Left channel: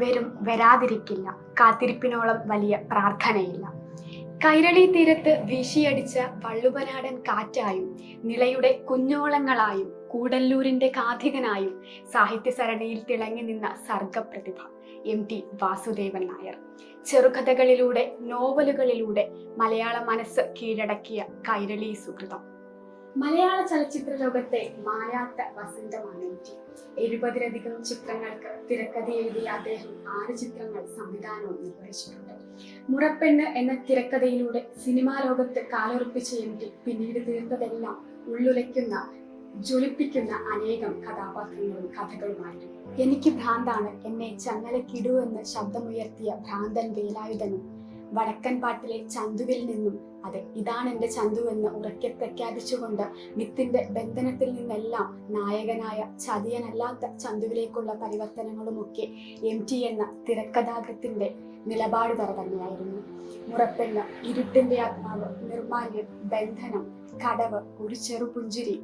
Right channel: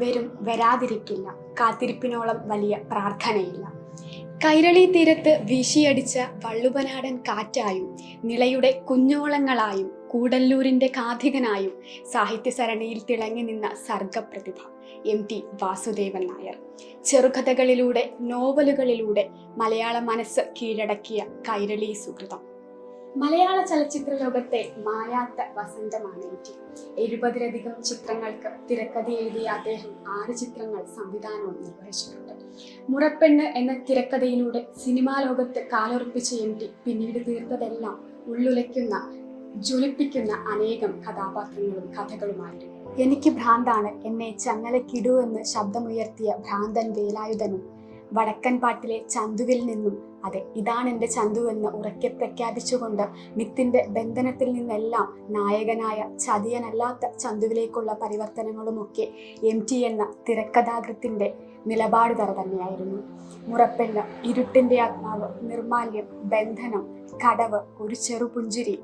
വരും വരാതിരിക്കില്ല, കാത്തിരിപ്പിനോളം വലിയ പ്രാർത്ഥനയില്ല. കൈരളി തീരത്ത് വീശിയടിച്ച വള്ളുവനാടൻ കാറ്റായും നിളയുടെ കുഞ്ഞോളങ്ങളായും കൂടല്ലൂരിന്റെ കാഥികനായും സാഹിത്യസരണിയിൽ തിളങ്ങി നിന്ന സർഗപ്രതിഭ MT വാസുദേവൻ നായർ. ചെറുകഥകളിലൂടെ, നോവലുകളിലൂടെ മലയാള മനസ്സ് കീഴടക്കിയ കൈരളി സുഹൃതം. മലയാള ചലച്ചിത്ര ലോകത്തെ മായാത്ത വസന്തമാണ് MT. 70-ലധികം ചിത്രങ്ങൾക്ക് തിരക്കഥ എഴുതിയ അദ്ദേഹം 6 ചിത്രങ്ങൾ സംവിധാനവും നിർവഹിച്ചിട്ടുണ്ട്. മുറപ്പെണ്ണ് എന്ന തിരക്കഥയിലൂടെ സിനിമാ ലോകത്ത് കാലുറപ്പിച്ച MT പിന്നീട് തീർത്തതെല്ലാം ഉള്ളുലയ്ക്കുന്ന, ജ്വലിപ്പിക്കുന്ന അനേകം കഥാപാത്രങ്ങളും കഥകളുമായിരുന്നു. എനിക്ക് ഭ്രാന്താണ്, എന്നെ ചങ്ങലക്കിടൂ എന്ന് ശബ്ദമുയർത്തിയ ഭ്രാന്തൻ വേലായുധനും, വടക്കൻ പാട്ടിലെ ചന്തുവിൽ നിന്നും അതെ ഇതാണ് എൻ്റെ ചന്തു എന്ന് ഉറക്കെ പ്രഖ്യാപിച്ചുകൊണ്ട് മിത്തിന്റെ ബന്ധനത്തിൽ നിന്നെല്ലാം നായകനായ ചതിയനല്ലാത്ത ചന്തുവിലേക്കുള്ള പരിവർത്തനങ്ങളുമൊക്കെ MT എന്ന തിരക്കഥാകൃത്തിന്റെ നിലപാട് തന്നെയായിരുന്നു. മുറപ്പെണ്ണ്, ഇരുട്ടിന്റെ ആത്മാവ്, നിർമാല്യം, ബന്ധനം, കടവ്, ഒരു ചെറുപുഞ്ചിരി,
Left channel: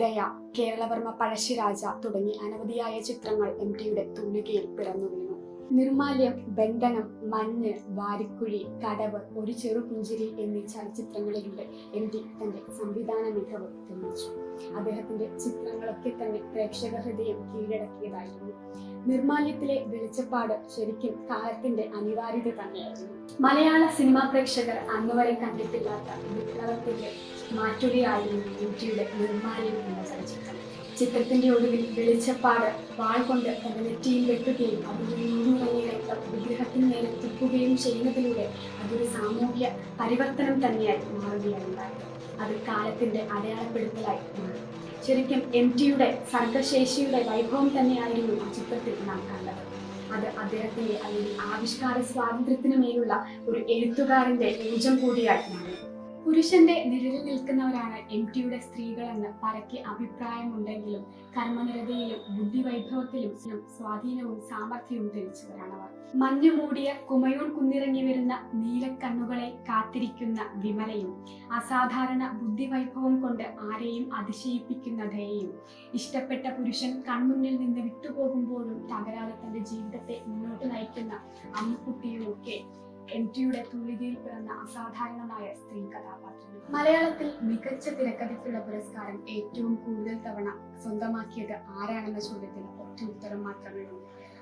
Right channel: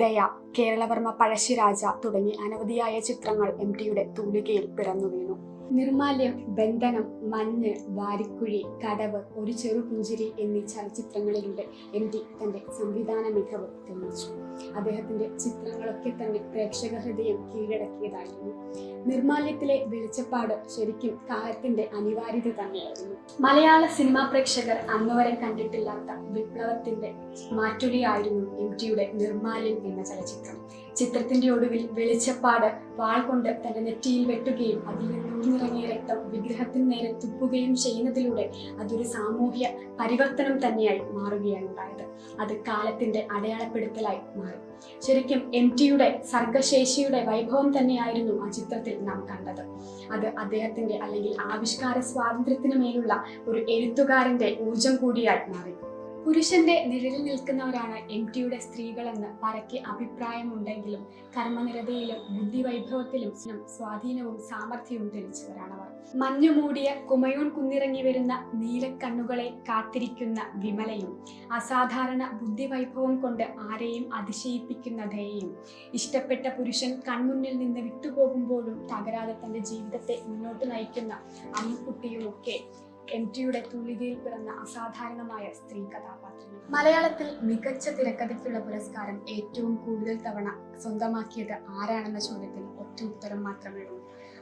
ദയ, കേരളവർമ്മ പഴശ്ശിരാജ തുടങ്ങി അനവധിയായ ചിത്രങ്ങൾ MTയുടെ തൂലികയിൽ പിറന്നു വീണു. നിർമാല്യം, ബന്ധനം, മഞ്ഞ്, വാരിക്കുഴി, കടവ്, ഒരു ചെറുപുഞ്ചിരി എന്നീ ചലച്ചിത്രങ്ങളിലൂടെ MT തന്റെ സംവിധാന മികവ് തെളിയിച്ചു. അദ്ദേഹത്തിന്റെ ചിത്രങ്ങളൊക്കെ തന്നെ പ്രേക്ഷക ഹൃദയം കീഴടക്കിയതായിരുന്നു. നിർമാല്യത്തിലെ വെളിച്ചപ്പാട് ശരിക്കും കാലത്തിന്റെ അനിവാര്യത തന്നെയായിരുന്നു. മലയാള സിനിമാ പ്രേക്ഷകർ അന്നുവരെ കണ്ടിട്ടില്ലാത്ത വിപ്ലവത്തിന്റെ മാറ്റുകയായിരുന്നു MTയുടെ നിർമാല്യം എന്ന ചലച്ചിത്രം. ചിത്രത്തിന്റെ ഒടുവിൽ വെളിച്ചപ്പാട് വാൾ കൊണ്ട് തന്റെ നെറ്റിയിൽ വെട്ടുകയും അതിൽ നിന്നിറങ്ങിയ രക്തം വിഗ്രഹത്തിന് നേരെ തുപ്പുകയും ചെയ്യുന്നതിലൂടെ അതൊരു സാമൂഹ്യ പരിവർത്തനം തന്നെയായി മാറുകയാണ് ഉണ്ടായത്. അത് കാലത്തിന്റെ അടയാളപ്പെടുത്തലായി മാറി. ശരിക്കും MTയുടെ സർഗശേഷിയുടെ വൈഭവം തന്നെയായിരുന്നു ആ ചിത്രത്തിൽ നാം കണ്ടത്. അത് അദ്ദേഹത്തിന്റെ അല്ലെങ്കിൽ ആവിഷ്കാര സ്വാതന്ത്ര്യത്തിന് മേലുള്ള ഒരു എഴുത്തുകാരന്റെ ഊർജം കൂടിയായി മാറി. പുരുഷന്റെ നിഴലിൽ നിൽക്കുന്നവരാണ് MTയുടെ സ്ത്രീകളെന്ന് പരക്കെ അഭിപ്രായമുണ്ടെങ്കിലും കർമ്മനിരതയിലും ബുദ്ധിവൈഭവത്തിലും സ്വാധീനവും സാമർഥ്യവും തെളിച്ചവരാണവർ. മഞ്ഞുമൂടിയ കുമയോൺ കുന്നിറങ്ങി വരുന്ന നീലക്കണ്ണുകളെ കാത്തിരിക്കുന്ന വിമലയും, അസാധാരണ ബുദ്ധിവൈഭവം കൊണ്ട് ആരെയും അതിശയിപ്പിക്കുന്ന ദയയും, ഇഷ്ടപ്പെട്ട പുരുഷൻ കൺമുന്നിൽ നിന്ന് വിട്ടുപോകുമ്പോഴും തകരാതെ തന്റെ ജീവിതത്തെ മുന്നോട്ട് നയിക്കുന്ന അമ്മുക്കുട്ടിയുമൊക്കെ MTയുടെ തൂലികയിൽ പിറന്ന അസാധാരണമായ സ്ത്രീ കഥാപാത്രങ്ങൾ. മലയാളത്തിൽ മികച്ച തിരക്കഥയ്ക്കുള്ള പുരസ്കാരം ഏറ്റവും കൂടുതൽ തവണ സ്വന്തമാക്കിയത് ആരാണെന്ന ചോദ്യത്തിന് ഒറ്റ ഉത്തരം മാത്രമേ ഉള്ളൂ.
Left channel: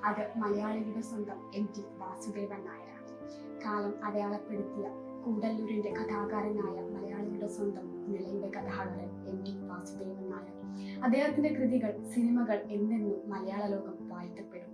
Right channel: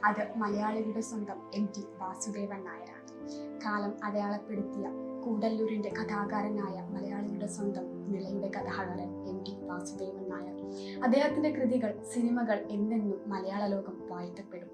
അത് മലയാളികളുടെ സ്വന്തം MT വാസുദേവൻ നായരാണ്. കാലം അടയാളപ്പെടുത്തിയ കൂടല്ലൂരിന്റെ കഥാകാരനായ മലയാളികളുടെ സ്വന്തം നിളയുടെ കഥാകാരൻ MT വാസുദേവൻ നായർ. അദ്ദേഹത്തിന്റെ കൃതികൾ, സിനിമകൾ എന്നെന്നും മലയാള ലോകം വാഴ്ത്തപ്പെടും.